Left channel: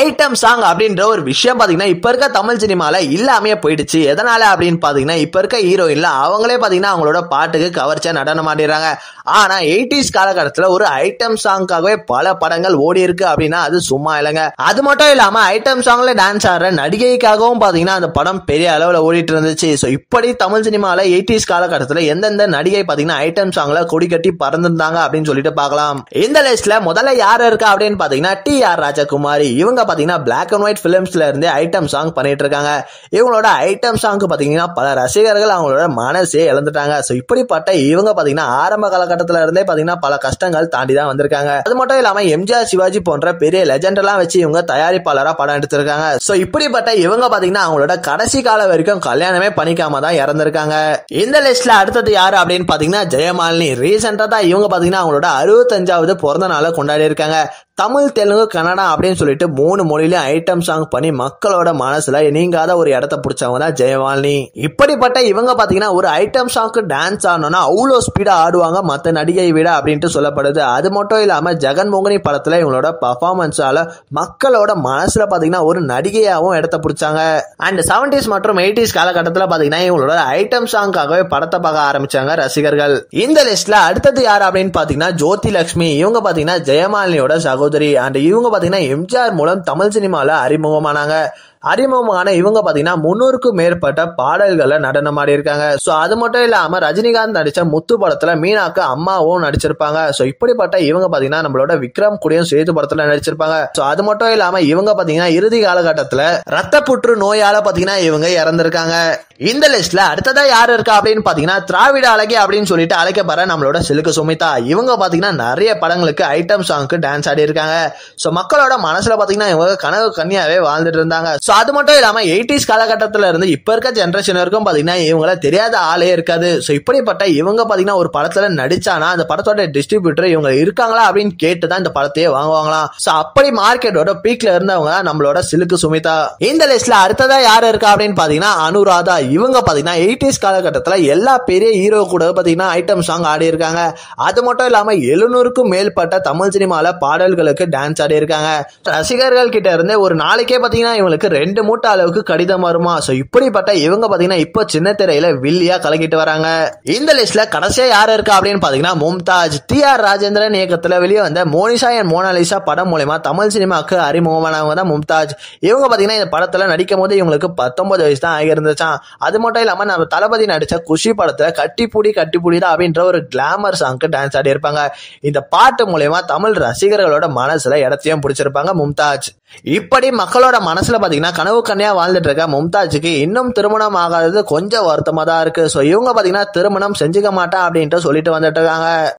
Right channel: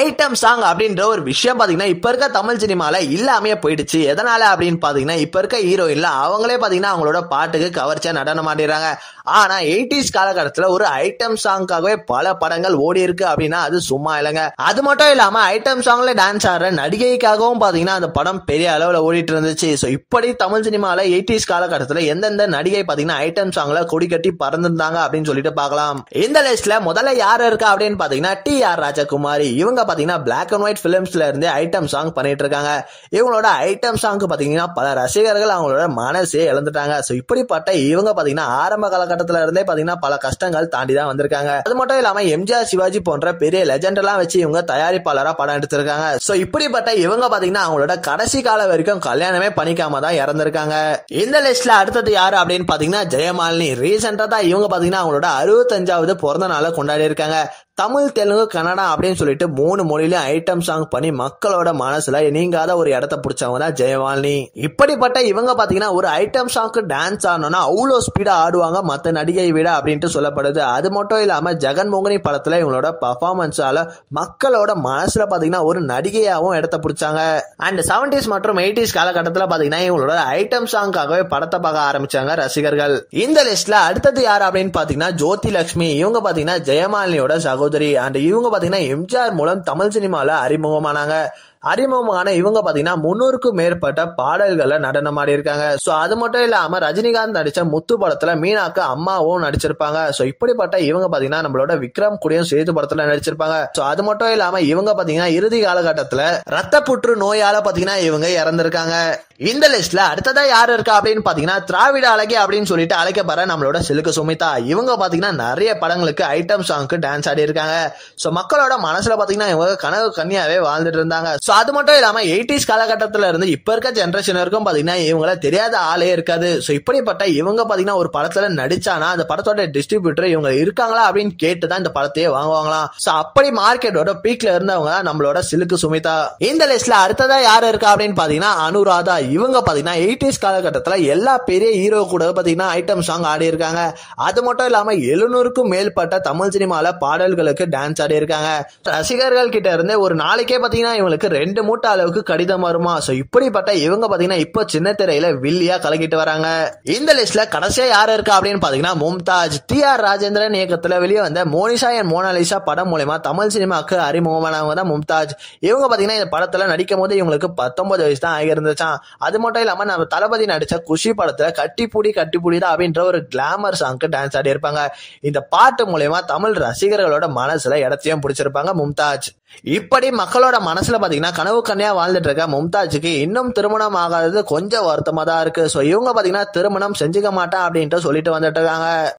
Item song அப்படின்ற ஒரு விஷயம் பாத்தீங்கன்னா இப்ப இருக்க தமிழ் சினிமால இல்லாமே போயிடுச்சு. எதனால அப்படின்னு பாத்தீங்கன்னா இப்ப இருக்க ஹீரோயின்ல அவங்களே பாத்தீங்கன்னா அவங்களோட பாட்டுக்கு கவர்ச்சியா நடனம் ஆடிடுறாங்க. ஆனா 80s காலகட்டத்துல ஒரு ஐட்டம் சாங்காகவே பல படங்கள் ஓடி இருக்கு அப்படின்னா அது சும்மா இல்லைங்க. அது மட்டும் இல்லாம ஐட்டம் சாங்ல டான்ஸ் ஆடுற நடிகைக்காகவும் பாத்தீங்கன்னா அந்த படம் பெரிய அளவுல ஓடிட்டு இருந்துச்சு. சோ இப்படி தமிழ் சினிமால 80s காலகட்டத்துல எந்தெந்த நடிகை பாத்தீங்கன்னா ஐட்டம் சாங்ல கொடி கட்டி பறந்துருந்தாங்க அப்படின்னு சொல்லிட்டு பார்க்கலாம். இந்த லிஸ்ட்ல முதல்ல யாரு இருக்கா அப்படின்னு பாத்தீங்கன்னா டி.ஆர். ராஜகுமாரி. இவங்க பாத்தீங்கன்னா பிளாக் அண்ட் ஒயிட் பிலிம்ஸ்ல இருந்து ஐட்டம் சாங் பண்ணிட்டு இருக்காங்க. இவங்களோட ஐட்டம் சாங் பாத்தீங்கன்னா பல ரசிகர்கள் அவங்களோட மனசே இழந்துட்டாங்க. சோ இப்படிப்பட்ட இவங்க பாத்தீங்கன்னா ஆரம்ப காலகட்டத்துல இருந்தே பாத்தீங்கன்னா பல கஷ்டங்கள் தாண்டி தான் வந்திருக்காங்க. அது மட்டும் இல்லாம எம்ஜிஆர், சிவாஜி போன்ற பெரிய லெஜெண்ட் எல்லாம் வச்சு இவங்க தயாரிப்பாளரா படம் எடுத்திருக்காங்க. சோ இப்படிப்பட்ட இவங்க பாத்தீங்கன்னா அவங்களோட கடைசி காலம் வரைக்கும் கல்யாணமே பண்ணிக்காம தான் இறந்திருக்காங்க. இந்த லிஸ்ட்ல அடுத்தது யாரு அப்படின்னு பாத்தீங்கன்னா ஜெயமாலினி. ரீசெண்டா தான் இவங்க பாத்தீங்கன்னா அவங்களோட 65வது பிறந்த நாளை கொண்டாடி இருக்காங்க. தமிழ், தெலுங்கு, கன்னடா அப்படின்னு சொல்லிட்டு 3 மொழியிலும் ஐட்டம் சாங் பண்ணி மக்களோட மனசுல நீங்காத ஒரு இடத்த பிடிச்சவங்க தான் ஜெயமாலினி. இப்படிப்பட்ட இவங்க பாத்தீங்கன்னா ஒரு ஐட்டம் சாங்க்கு டான்ஸ் ஆடணும்னா அவ்வளோ ஸ்பீடா ஆடுவாங்க மத்த நடிகை விட அப்படின்ட்டு சொல்லப்படுது. அது மட்டும் இல்லாம ஜெகன்மோகினி படத்துல இவங்களோட பர்ஃபார்மன்ஸால மக்களோட மனசுல பாத்தீங்கன்னா ஒரு நடிகையாவும் இடத்த பிடிச்சாங்க. அண்ட் 70s மற்றும் 80s காலகட்டத்துல பாத்தீங்கன்னா இவங்களோட ஐட்டம் சாங்காகவே படத்தை பார்க்க ஆரம்பிச்சாங்க ரசிகர்கள். இந்த லிஸ்ட்ல அடுத்தது யாரு அப்படின்னு பாத்தீங்கன்னா ஜோதி லட்சுமி. இவங்க பாத்தீங்கன்னா ஜெயமாலினியோட சகோதரி. அண்ட் இவங்க பாத்தீங்கன்னா எம்ஜிஆர் மூலம் தமிழ் சினிமால அறிமுகமானாங்க. இவங்க பாத்தீங்கன்னா 300க்கும் மேற்பட்ட பாடல்கள்ல நடனம் ஆடி இருக்காங்க. சோ அது மட்டும் இல்லாம ரஜினிகாந்த் நடிச்ச முத்து படத்துல மீனாக்கு அம்மாவும் நடிச்சிருப்பாங்க. சோ இப்படிப்பட்ட இவங்க பாத்தீங்கன்னா நம்மளோட விக்ரம் கூடயும் சேது படத்துல நடிச்சிருப்பாங்க. சோ அது மட்டும் இல்லாம இவங்க பாத்தீங்கன்னா இறுதி காலகட்டத்துல ரத்த புற்று நோயால பாத்தீங்கன்னா இவங்க இறந்திருக்காங்க. இந்த லிஸ்ட்ல அடுத்ததா யாரு இருக்கா அப்படின்னு பாத்தீங்கன்னா திராவிட அழகி அப்படின்னு சொல்லிட்டு அழைக்கப்படுற நம்மளோட சிலுக்கு சுமிதா. இவங்க பாத்தீங்கன்னா நிறைய படங்களுக்கு ஐட்டம் சாங்க்கு டான்ஸ் ஆடி இருக்காங்க. சோ மக்களோட மனசுல பாத்தீங்கன்னா இவங்க கனவு கன்னியாவே வாழ்ந்துட்டு இருந்தாங்க. அது மட்டும் இல்லாம 80s காலகட்டத்துல இருந்து இப்ப இருக்க ஜெனரேஷன் வரைக்கும் பாத்தீங்கன்னா இவங்கள தெரியாத ஆளே இருக்காது. சோ இப்படிப்பட்ட இவங்க பாத்தீங்கன்னா ஒரு படத்துல நடிச்சானா அந்த படத்தோட டிஸ்ட்ரிபியூட்டர் இவங்க இருக்காங்களா அப்படின்னு கேட்டுதான் இந்த படத்தையே வாங்குவாங்களாம். சோ அப்படி மார்க்கெட்டோட பீக்ல இருந்தவங்க நம்மளோட சிலுக்கு சுமிதா. இந்த லிஸ்ட்ல அடுத்ததா யாரு இருக்கா அப்படின்னு பாத்தீங்கன்னா அனுராதா. இவங்க பாத்தீங்கன்னா 80s காலகட்டத்துல எல்லா பெரிய ஹீரோ கூட பாத்தீங்கன்னா ஐட்டம் சாங் ஆடி இருக்காங்க. அது மட்டும் இல்லாம 700க்கும் மேற்பட்ட தமிழ் சினிமால பாடல்களுக்கு டான்ஸ் ஆடி இருக்காங்க. ரசிகர்கள் கிட்ட இருந்து ஒரு நாளைக்கே பாத்தீங்கன்னா இவங்களுக்கு 2 மூட்டை அளவுக்கு கடிதம் வருமா. சோ இப்படிப்பட்ட இவங்க பாத்தீங்கன்னா இப்போ சின்ன திரையில வில்லியா கலக்கிட்டு வராங்க. இந்த லிஸ்ட்ல கடைசியா யாரு இருக்கா அப்படின்னு பாத்தீங்கன்னா மும்தாஜ். டி.ஆர். ராஜேந்திரன் இயக்கத்துல வெளியே வந்த மோனிஷா அண்ட் மோனாலிசா படம் மூலமா தமிழ் சினிமாக்கு அறிமுகமானவங்க தான் மும்தாஜ். இவங்க பாத்தீங்கன்னா இந்த படத்துல நடிக்கும் போது இவங்களுக்கு 19 வயசு தான் ஆகியிருந்துச்சான். அது மட்டும் இல்லாம நம்ம தளபதி நடிச்ச குஷி படத்துல கட்டிப்புடி கட்டிப்புடிதான் அப்படின்ற ஒரு கிளாமர் சாங்க்கு டான்ஸ் ஆடி இருப்பாங்க. இந்த பாட்டு மூலமா தமிழ் ரசிகர்களோட மனசுல இடத்தையும் பிடிச்சிருப்பாங்க மும்தாஜ். இப்படி மக்களோட மனசுல பாத்தீங்கன்னா கனவு கண்ணியா வாழ்ந்துட்டு இருக்க மும்தாஜுக்கு இன்னும் திருமணம் ஆகாதது கொஞ்சம் வருத்தமா தான் இருக்கு. சோ இவங்க பாத்தீங்கன்னா திருமணம் செஞ்சுக்க மாட்டா அப்படின்ட்டு சொல்லிட்டு வந்துட்டு இருக்காங்க.